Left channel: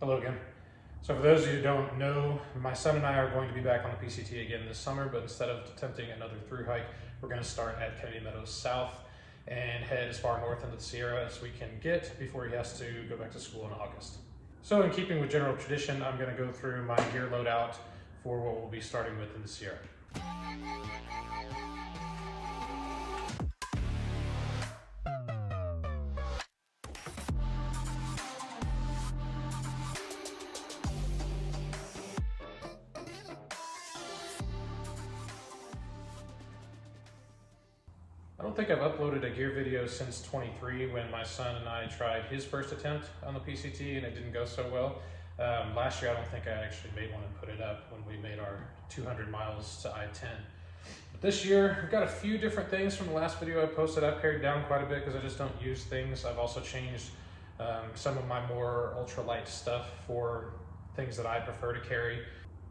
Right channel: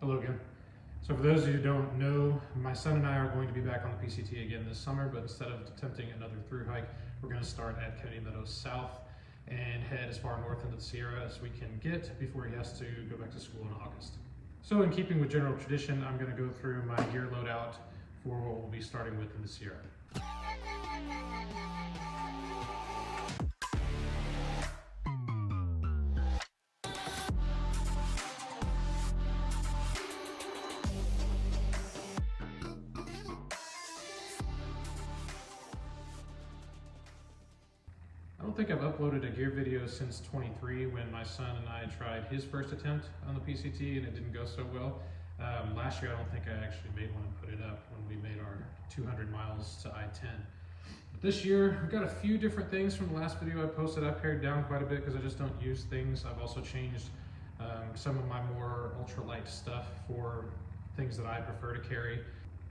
Hello again. So for those of you who don't know, my son and I are going to be back on the PCT again this summer, but instead of attempting another through hike, we're going to start at Kennedy Meadows South and head as far north into the Sierra as we can get before he has to go back to school in August. So in keeping with general tradition, I'm going to go through my gear loadout for what we'll be starting with in the Sierra. I don't think I've uploaded a gear video since 23 when my son and I tried his first attempt on the PCT and it didn't go so well. Last year I don't think I actually made one and put it up when we made our 200 miles to I-10. But this year we've got a few different things from the last video I posted. I've pared down quite a bit because I just don't use things. I've also changed some of my more ultralight stuff for things that I prefer to carry.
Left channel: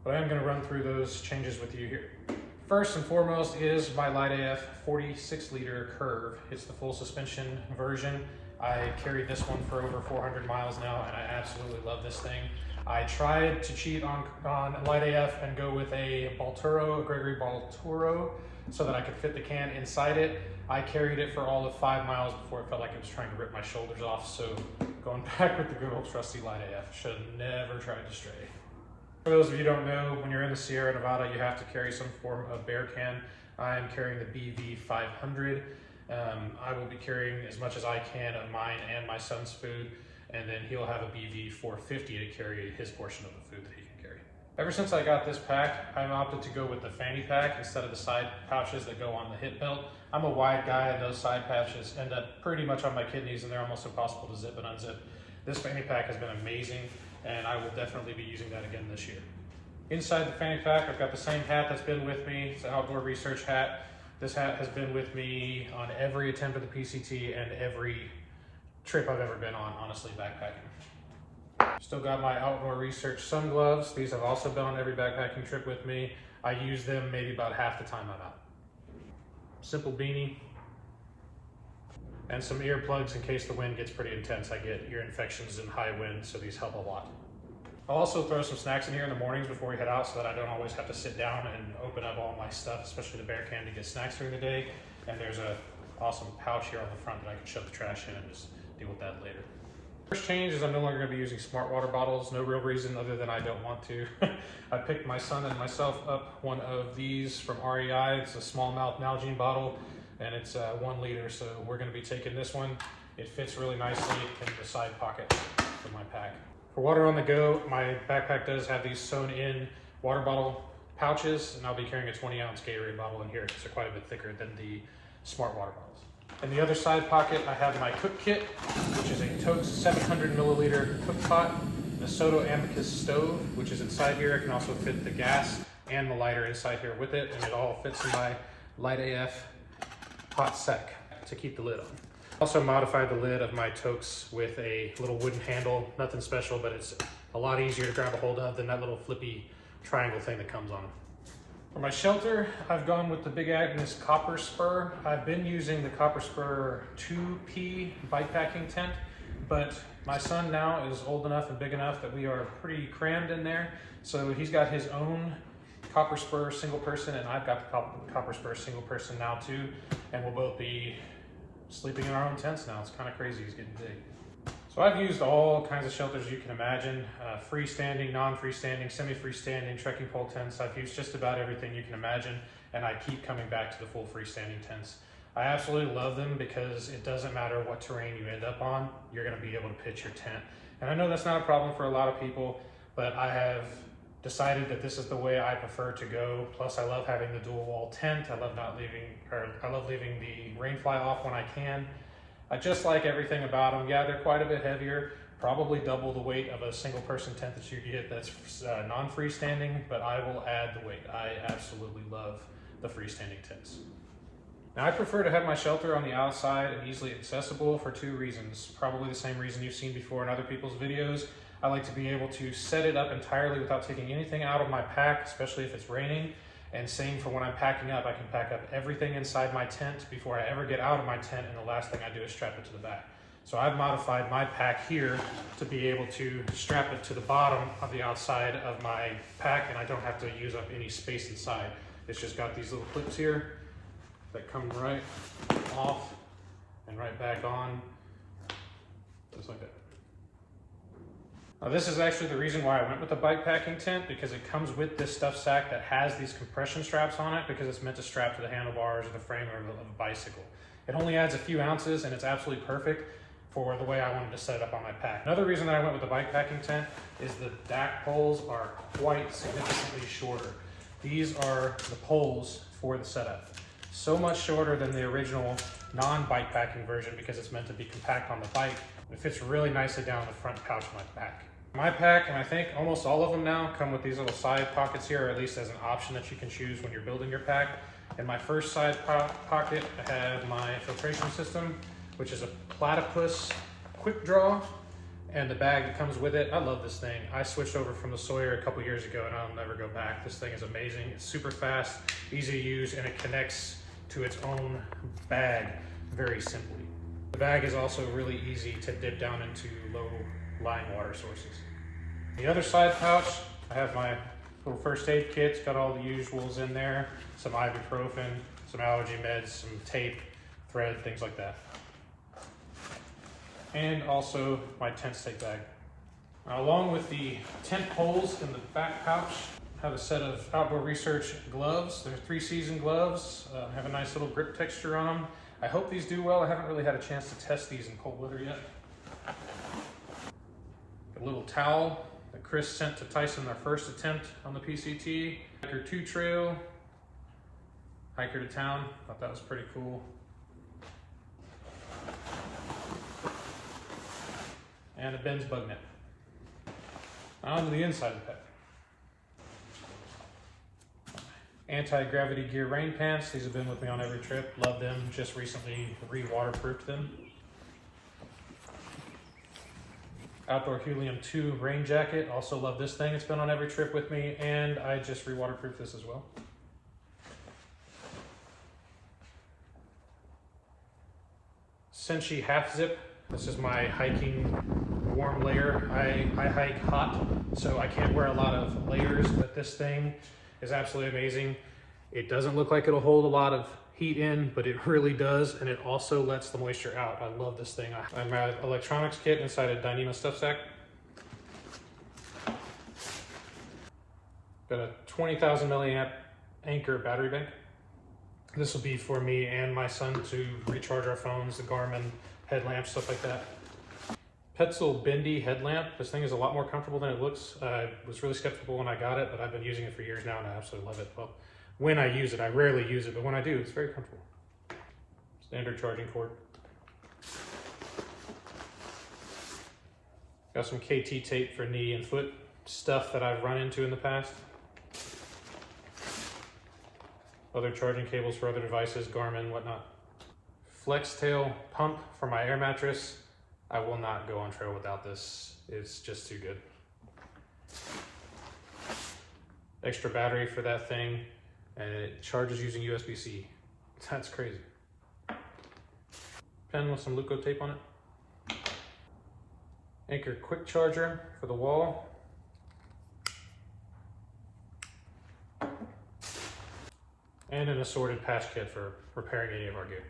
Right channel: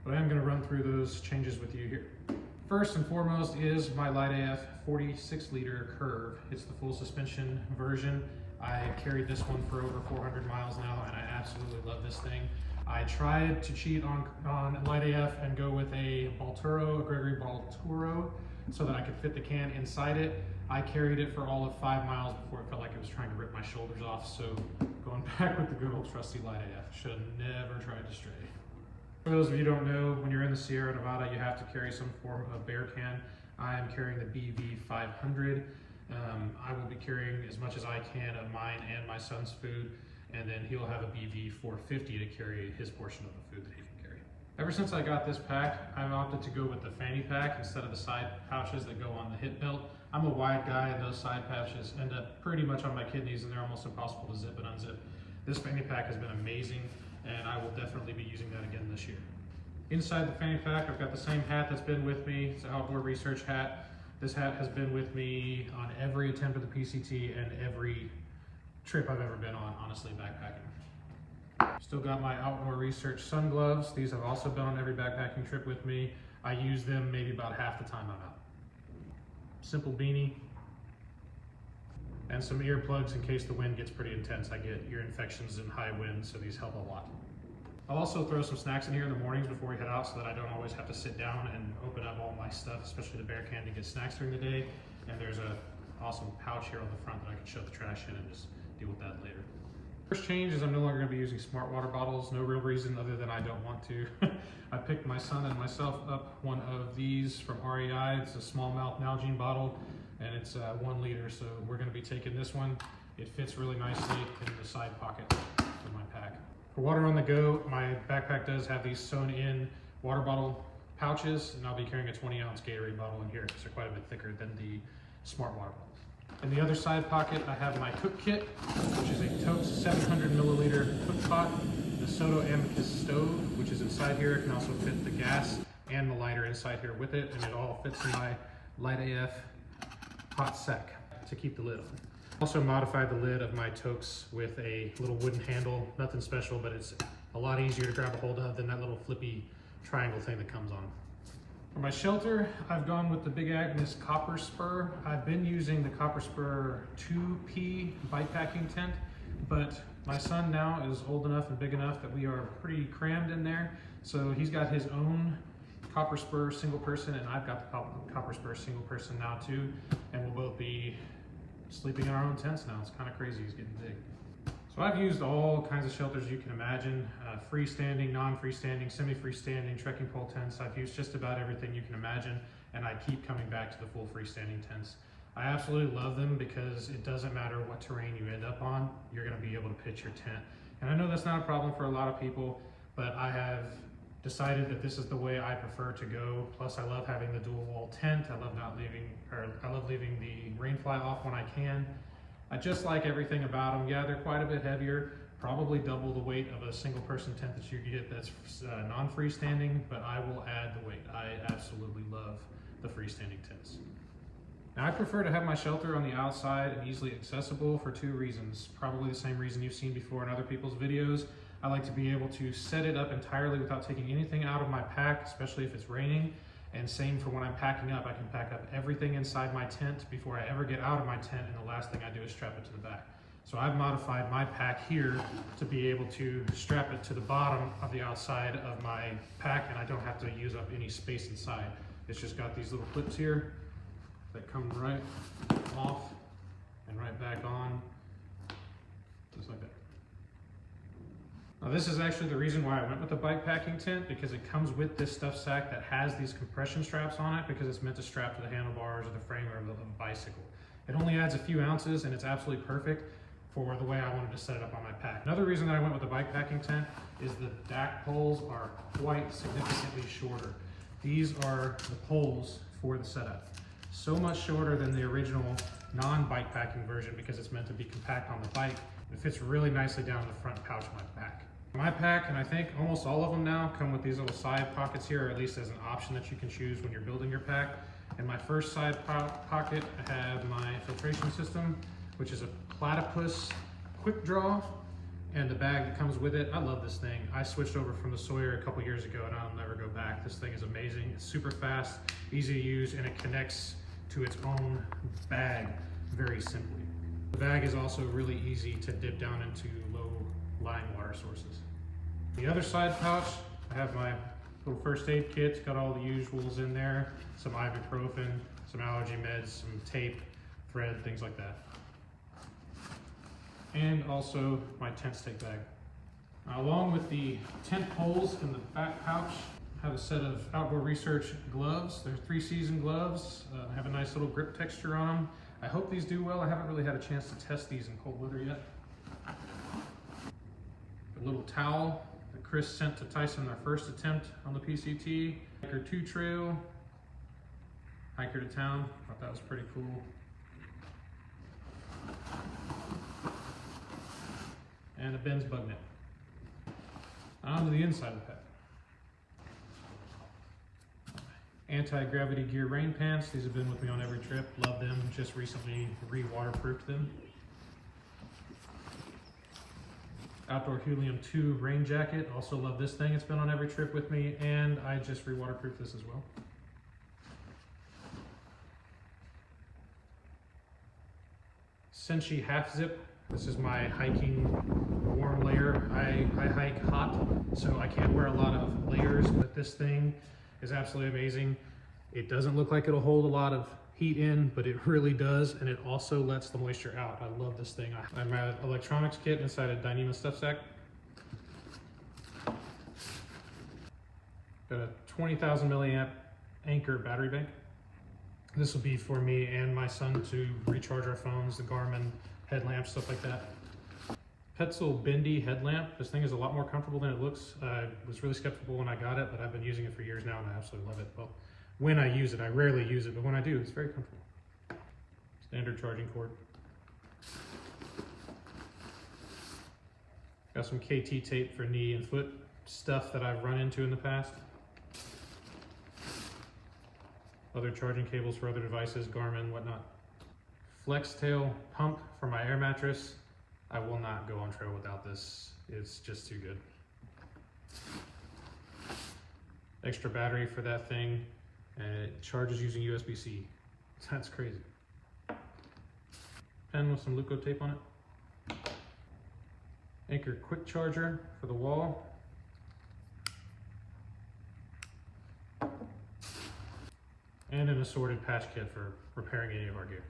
But I am going to run through those changes with you here. First and foremost is my Light AF 46 liter Curve. It's the full suspension version. I carried this one for over 400 miles now and I absolutely love this thing. I tried to cheat on Light AF and go with a Gregory Baltoro, so that I could fit the can inside it. I carried it for all of 5 miles before it felt like it was trying to rip my shoulders off. So going back with the good old trusty Light AF, should have never tried to stray. For those of you who don't know, when you're in the Sierra Nevada, you have to carry some form of bear can. I am carrying the BV 500. I will be carrying as much as I can of mine and my son's food, and then he'll have a BV 450 to carry his portion of the food that he can carry. Ever since I got this pack, I've opted to go with the fanny pack instead of the side pouches that go on the hip belt. I'm a wide guy and those side pouches end up pretty much on my kidneys and they're almost impossible to zip and unzip. This fanny pack has been amazing, and I will definitely be using that again this year. Inside the fanny pack, I've got the same hat that's been with me. It's an outdoor research hat. This hat has been with me on every attempt at the PCT and every trip I've ever been on, honestly, backpacking. Still got my outdoor research sun gloves. These have also been on every backpacking trip with me. I use them maybe about half the time I'm out. Simple beanie. And some earplugs in case the wind gets pretty intense. I get ear infections in high wind, so these help a lot. I'll also throw some snacks in here in the mornings before we head out so that I don't always have to sit down and open up all my stuff, especially the bear can, to get snacks during the day. And there's a awesome pouch here on the front that I can shove the trash in and just deal with that later. First change is I'm no longer going to be using smart water bottles. No real reason other than I don't want to. I picked my son and myself up one of these from REI. It's a small mouth Nalgene bottle and it's 1 liter. So we're going to be taking this one. It fits really nicely in the side pocket of my pack. For water on the go, my backpack does have these sewn in water bottle pouches, and I'll be carrying a 20-ounce Gatorade bottle in here because they're quite a bit thicker than the smart water bottles. In the other side pocket, I have my cook kit, which is a Totes 700 milliliter cook pot, the Soto Amicus stove, which is inside here. It can also fit the gas and the lighter inside here with it, and it all fits in my Light AF hot sack to keep the lid on. Also modified the lid of my toques with a little wooden handle, nothing special, but it's a lot easier to grab a hold of than that little flippy triangle thing that comes on. For my shelter, I've gone with the Big Agnes Copper Spur. I've been using the Copper Spur 2P bikepacking tent, but my son now is old enough and big enough that we are pretty crammed in there. So he's got his own Copper Spur single person, and I've got the Copper Spur single person now too, and we'll both be sleeping in our own tents now. It's kind of crazy, he's getting big. So I've used all kinds of shelters you can imagine, freestanding, non-freestanding, semi-freestanding, trekking pole tents. I've used just about everything you can imagine, and I keep coming back to the full freestanding tents. I absolutely love them because it doesn't matter what terrain you end up on, you're gonna be able to pitch your tent. And I know that's not a problem for a lot of people, but I have decided that this is the way I prefer to go. Plus I love having the dual wall tent. I love leaving the rain fly off when I can. I just like everything about them. Yeah, they're quite a bit heavier, probably double the weight of a single person tent that you get that's non-freestanding, but I will add the weight. I absolutely love the freestanding tents. Now I prefer to have my shelter on the outside and easily accessible for 2 reasons. Probably the same reason you've seen before in other people's videos. I like to be able to set it up entirely without taking anything out of my pack, especially if it's raining. And same for when I'm packing up. I can pack up everything inside my tent before I ever get out of my tent, and the last thing I do is strap it to the back. So I've modified my pack here to be able to strap it to the bottom of the outside of my pack, and I don't have to use up any space inside. It's just got these little clips here that come right off and right back on, just like that. Now this is actually the reason why I went with the bike packing tent, because it comes with this stuff sack that has these compression straps on it, because it's meant to strap to the handlebars or the frame of a bicycle. It only adds a few ounces and it's absolutely perfect for the way I wanted to set it up on my pack. Another reason that I went with the bike packing tent is the back poles are quite significantly shorter. These are the poles for the setup. So much shorter than the original non-bike packing version because it's meant to be compact on the bike. It fits really nicely down the front pouch of my pack. My pack, and I think almost all of them now, come with these little side pockets here, or at least as an option that you can choose when you're building your pack. In my first side pocket, I have my filtration system, which is a platypus quick draw, and the bag that comes with it. I love this thing. I switched over from the Sawyer a couple years ago and I'll never go back. This thing is amazing. It's super fast, easy to use, and it connects to its own bag very simply. The bag is also really easy to dip down into low-lying water sources. The other side pouch, I have my little first aid kit. It's got all the usuals in there, some ibuprofen, some allergy meds, some tape, thread, things like that. And also my tent stake bag. Along with the tent poles in the back pouch, I have a set of Outdoor Research gloves. They're 3-season gloves. Have a nice little grip texture on them. I hope these do well. I haven't really had a chance to test these in cold weather yet. A little towel that Chris sent to Tyson their first attempt on the PCT. Hiker 2 trail, hiker to town. Thought that was pretty cool. And a Ben's bug net. On to the inside of the pack. Anti-gravity gear rain pants. These have been with me on every trip. Love them. Just recently re-waterproofed them. Outdoor Helium 2 rain jacket. Also love this thing. It's been on every trip with me, and I just re-waterproofed this as well. Senshi half zip. This is my hiking warm layer. I hike hot, so I can't wear a lot of layers, but this thing is absolutely amazing. It doesn't look like it'll hold a lot of heat in, but it really does, and it also lets the moisture out. I love this thing. I have my electronics kit inside a Dyneema stuff sack. Got a 20,000 milliamp Anchor battery bank. This will be for me and my son to recharge our phones, the Garmin headlamp, stuff like that. Petzl bendy headlamp. This thing is a lot more comfortable than it looks. I was really skeptical when I got it, but I've been using it for years now and I absolutely love it. Well, when I use it, I rarely use it, but when I do, it's very comfortable. Standard charging cord. Got some KT tape for knee and foot stuff that I've run into in the past. Other charging cables for other devices, Garmin, whatnot. Flex tail pump for my air mattress. I will not go on trail without this. It's just too good. Extra battery for that thing, and it charges using USB-C. That's crazy. Pen with some Luco tape on it. Anchor quick charger for the wall. And an assorted patch kit for repairing any of our gear.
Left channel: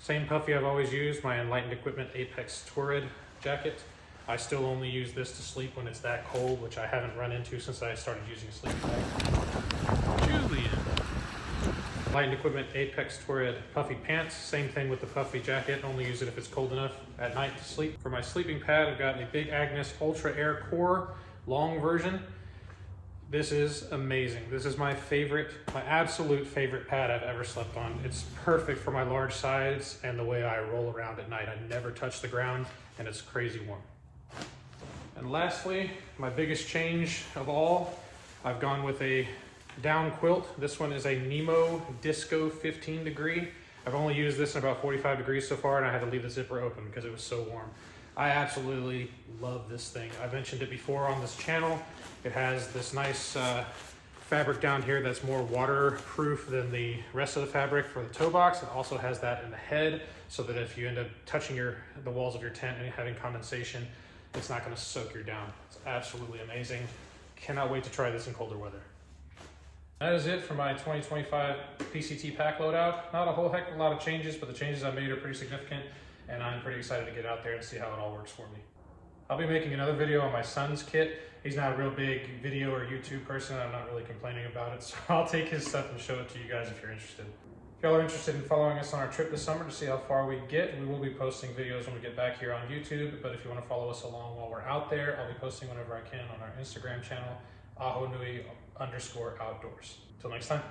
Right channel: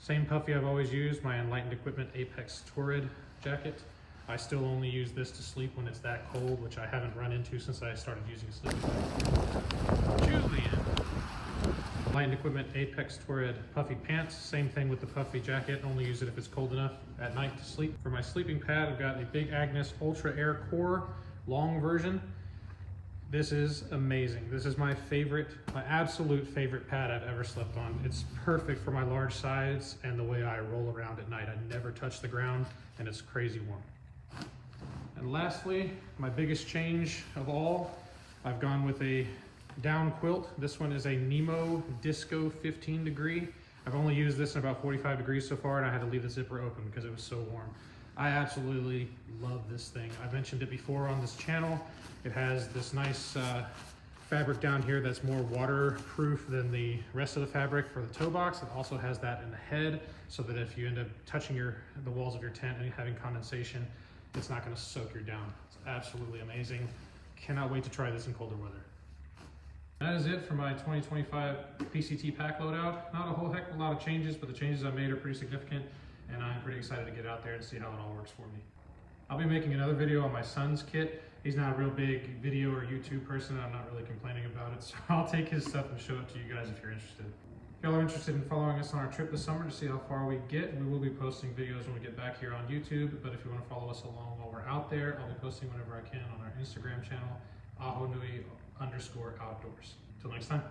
Same puffy I've always used, my Enlightened Equipment Apex Torrid jacket. I still only use this to sleep when it's that cold, which I haven't run into since I started using a sleeping bag. Julian. Enlightened Equipment Apex Torrid puffy pants. Same thing with the puffy jacket, only use it if it's cold enough at night to sleep. For my sleeping pad, I've got a Big Agnes Ultra Air Core long version. This is amazing. This is my favorite, my absolute favorite pad I've ever slept on. It's perfect for my large sides and the way I roll around at night. I never touch the ground and it's crazy warm. And lastly, my biggest change of all, I've gone with a down quilt. This one is a Nemo Disco 15 degree. I've only used this in about 45 degrees so far and I had to leave the zipper open because it was so warm. I absolutely love this thing. I mentioned it before on this channel. It has this nice fabric down here that's more waterproof than the rest of the fabric for the toe box. It also has that in the head, so that if you end up touching the walls of your tent and having condensation, it's not going to soak your down. It's absolutely amazing. Cannot wait to try this in colder weather. That is it for my 2025 PCT pack loadout. Not a whole heck of a lot of changes, but the changes I made are pretty significant, and I'm pretty excited to get out there and see how it all works for me. I'll be making another video on my son's kit. He's not a real big video or YouTube person. I'm not really complaining about it, so I'll take his stuff and show it to you guys if you're interested. If y'all are interested in following us on our trip this summer to see how far we get, we will be posting videos when we get back here on YouTube, but if you want to follow us along while we're out there, I'll be posting whenever I can on our Instagram channel, ahonui_outdoors. Till next time.